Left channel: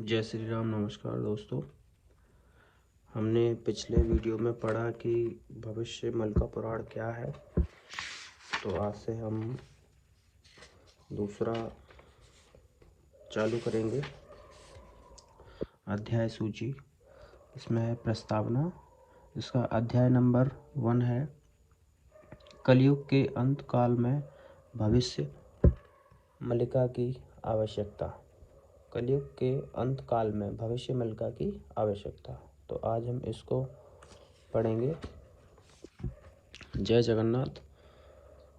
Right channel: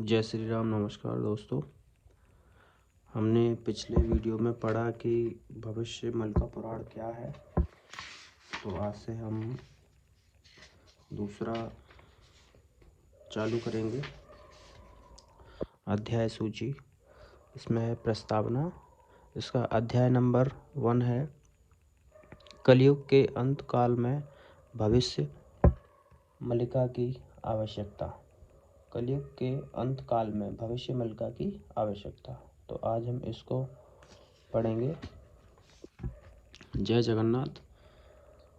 जय श्री राम। नमस्कार दोस्तों। हमने पिछले वीडियो में पढ़ा कि भविष्य मलका पुराण क्या है, तो आज से हम दूसरा चालू करेंगे। अध्याय सूची, इसमें है प्रस्तावना। इसका अध्याय नंबर 1 है कलयुग के अंत काल में भविष्य मलिका की आवश्यकता। कलयुग के अंत काल में भविष्य मलिका की आवश्यकता। तो आज हम इसको पढ़ेंगे। जय जगन्नाथ।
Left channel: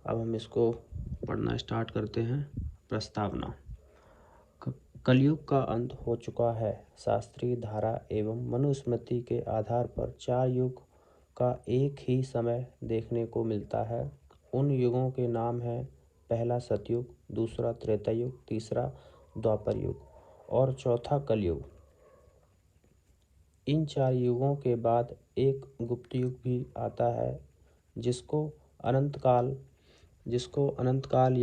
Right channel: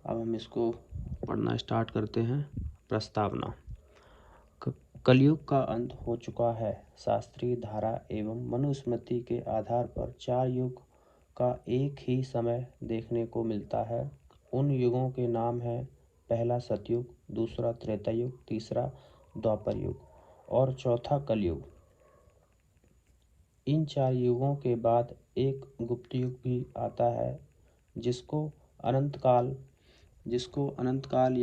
अब हम इसको पढ़ना स्टार्ट करते हैं। प्रस्तावना। कलयुग का अंत हो चुका है। शास्त्रीय धारा एवं मनुस्मृति के आधार पर 4 युग का एक ही समय देखने को मिलता है। उन युगों के नाम हैं पहला सतयुग, दूसरा त्रेता युग, तीसरा द्वापर युग और चौथा कलयुग। इन 4 युगों के बाद एक गुप्त युग भी आता है जिसको अनंत काल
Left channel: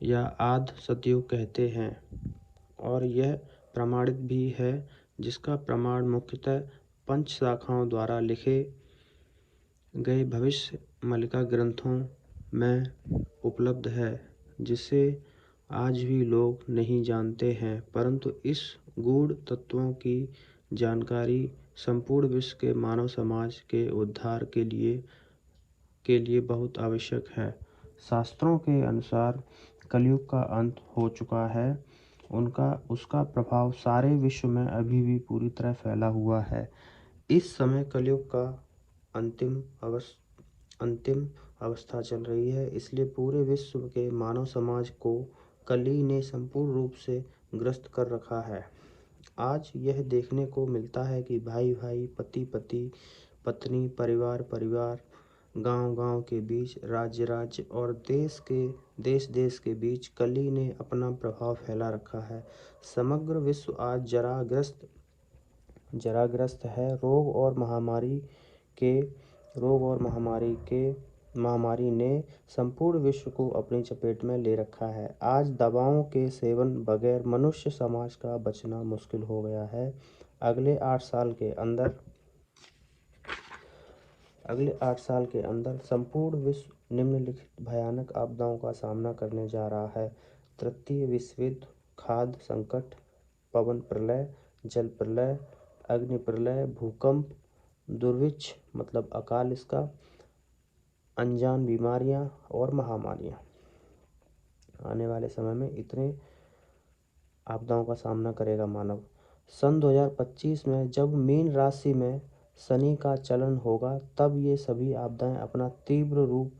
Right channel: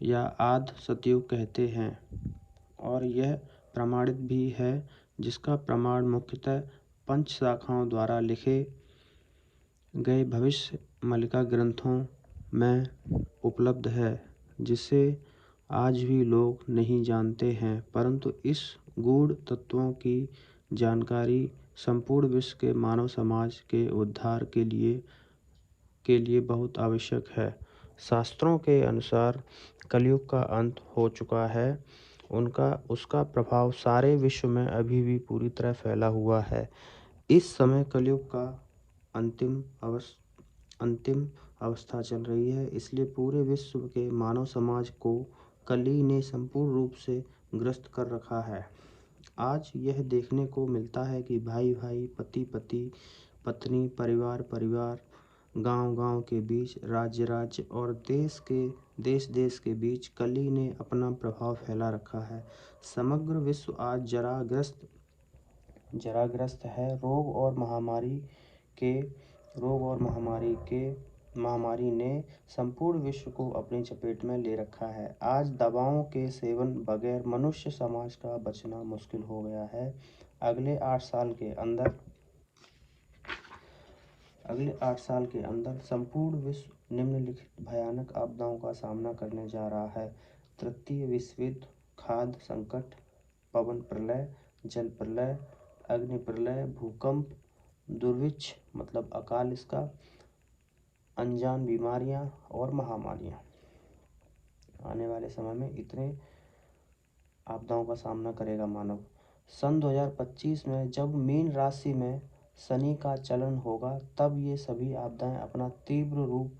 या आद सतयुग कहते हैं और यह प्रमाणित भी है, जिसका प्रमाण मुख्यतः 5 शाखाओं द्वारा लिखे गए भविष्य मलिका ग्रंथों में उपलब्ध है, जिसे आज भी लोग नहीं जानते हैं, परंतु इस गूढ़ तत्वों की जानकारी संपूर्ण विश्व के मानव समाज के उद्धार के लिए बहुत आवश्यक है। शास्त्रों के अनुसार कलयुग का अंत हो चुका है। उसका प्रभाव सारे विश्व में अभी भी पूरी तरह फैला हुआ है। इस समय कलयुग का अंतिम अवस्था चल रही है, इसलिए पूरे विश्व के मानव समाज को कली ने संपूर्ण रूप से ग्रस्त कर रखा है। आज यह देखने को मिलता है कि भाई भाई, पति पति, पत्नी, परिवार परिवार, गांव गांव के बीच, राज्य राज्य और देश देश के बीच कली ने अपना प्रभाव फैला रखा है। समग्र विश्व आज जराग्रस्त है। रोग और महामारी ने संपूर्ण विश्व को अपनी चपेट में ले रखा है। आज दवाओं के सेवन बगैर मनुष्य समाज का बचना मुश्किल हो गया है। अगले 8 साल के अंदर संपूर्ण विश्व निम्नलिखित भयानक आपदाओं का सामना करने जा रहा है। तृतीय विश्व युद्ध, खाद्य संकट, पवन प्रलय, जल प्रलय, अग्नि प्रलय, भूकंप, दुर्भिक्ष मतलब अकाल, इसका अनजान बीमारियां और महामारियां। आने वाले समय में इतने आपदाओं का सामना करेगा मानव। सन 2025 में जब मीन राशि में शनि का चलन होगा, तब ये सभी आपदाएं अपना तीव्र रूप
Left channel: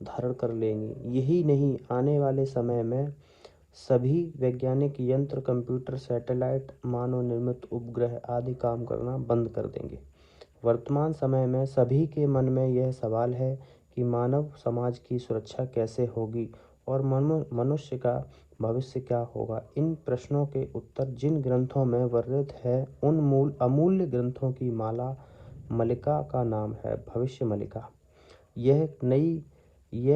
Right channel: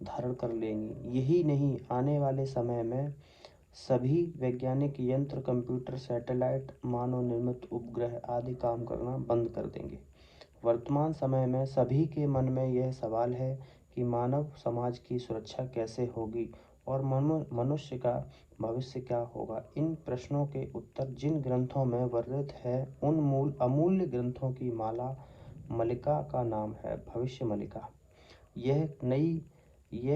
धारण कर लेंगी। यही नहीं, आने वाले समय में सभी वैज्ञानिक यंत्र, कंप्यूटर, सैटेलाइट, मानव निर्मित उपग्रह आदि काम करना बंद कर देंगे। वर्तमान समय में सभी के मन में यह सवाल है कि मानव समाज की सुरक्षा कैसे होगी और मनुष्य का भविष्य क्या होगा। इन प्रश्नों के उत्तर जिन ग्रंथों में वर्णित है, उन अमूल्य ग्रंथों की मलिका का नाम है भविष्य मलिका। यह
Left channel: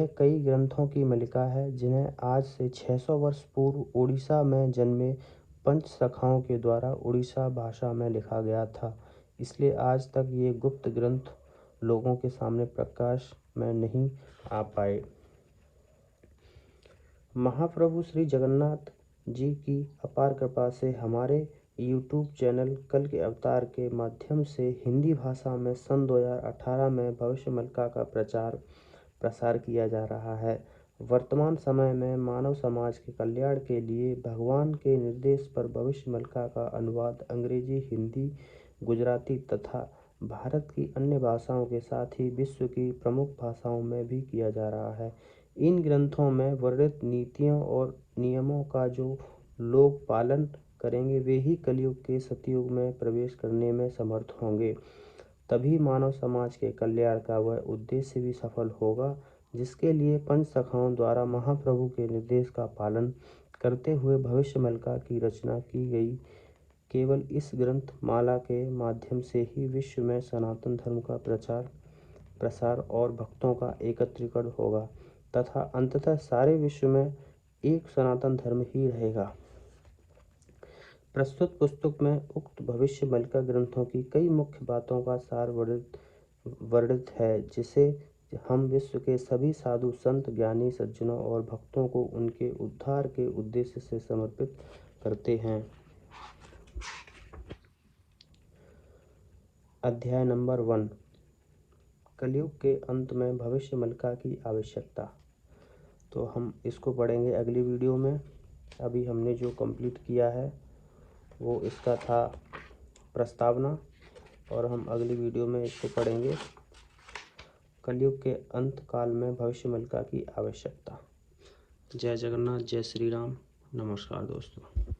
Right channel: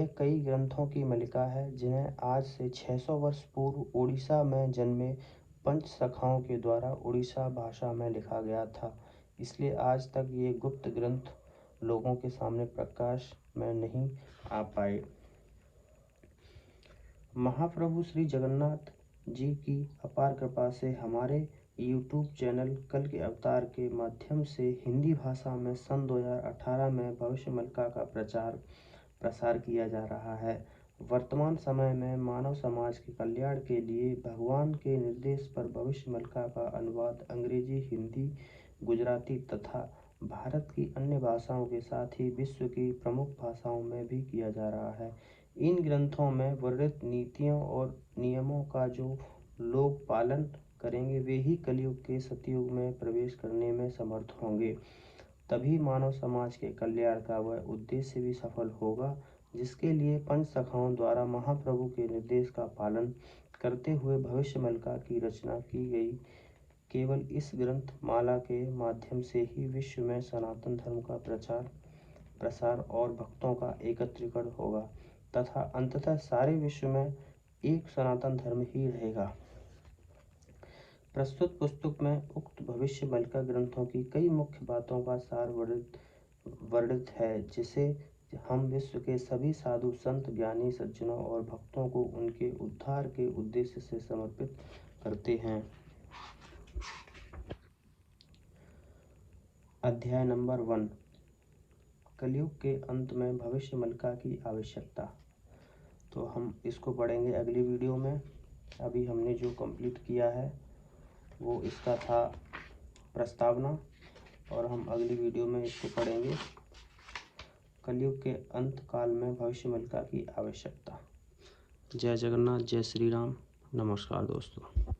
कई ग्रंथों की मलिका है, जिन्हें आज से 600 वर्ष पूर्व उड़ीसा में जन्मे 5 सखाओं के द्वारा उड़ीसा भाषा में लिखा गया था। इसलिए आज तक ये गुप्त ग्रंथ लोगों के सामने प्रकाश में नहीं आ पाए। महाप्रभु श्री जगन्नाथ जी की अपार कृपा से हमारे YouTube चैनल कल के अवतार के माध्यम से हिंदी भाषा में सन 2018 में भविष्य मलिका का प्रसार किया जा रहा है। वर्तमान समय में मानव समाज के कल्याण के लिए भगवान के निर्देश पर भविष्य मलिका का अनुवाद अंग्रेजी, हिंदी, गुजराती तथा भारत की अन्य भाषाओं के साथ ही विश्व की प्रमुख भाषाओं में भी किया जा रहा है। इन ग्रंथों में वर्णित नीतियों और नियमों का जो लोग पालन करेंगे, वे ही कलयुग के सतयुग में प्रवेश करने में समर्थ होंगे। तभी मानव समाज के कल्याण का वह उद्देश्य भी सफल होगा, जिसके लिए 5 सखाओं द्वारा महाप्रभु के निर्देश का पालन करते हुए भविष्य मलिका की रचना की गई। केवल इस ग्रंथ माला के माध्यम से ही विश्व में सनातन धर्म का प्रसार और भक्तों का एकत्रीकरण होगा तथा अंततः सारे विश्व में एक सनातन धर्म ही रहेगा। प्रस्तुत पुस्तक में उक्त भविष्यवल्क्य ग्रंथों की कई मुख्य बातों का सार वर्णित है, जिसे हम विश्व के सभी साधु संत, ज्ञानी सज्जनों और भक्तों को उनके उद्धार के उद्देश्य से समर्पित करते हैं। अध्याय नंबर 1, कलयुग के अंत में भविष्यवल्क्य की आवश्यकता। तो हम इसको पढ़ेंगे अगली वीडियो में। अभी हमने जो कंप्लीट किया है वो इसका था प्रस्तावना, और हम अगली वीडियो में इसको पढ़ेंगे, कलयुग के अंत काल में भविष्यवल्क्य की आवश्यकता। जय जगन्नाथ, जय श्री राम, नमस्कार दोस्तों।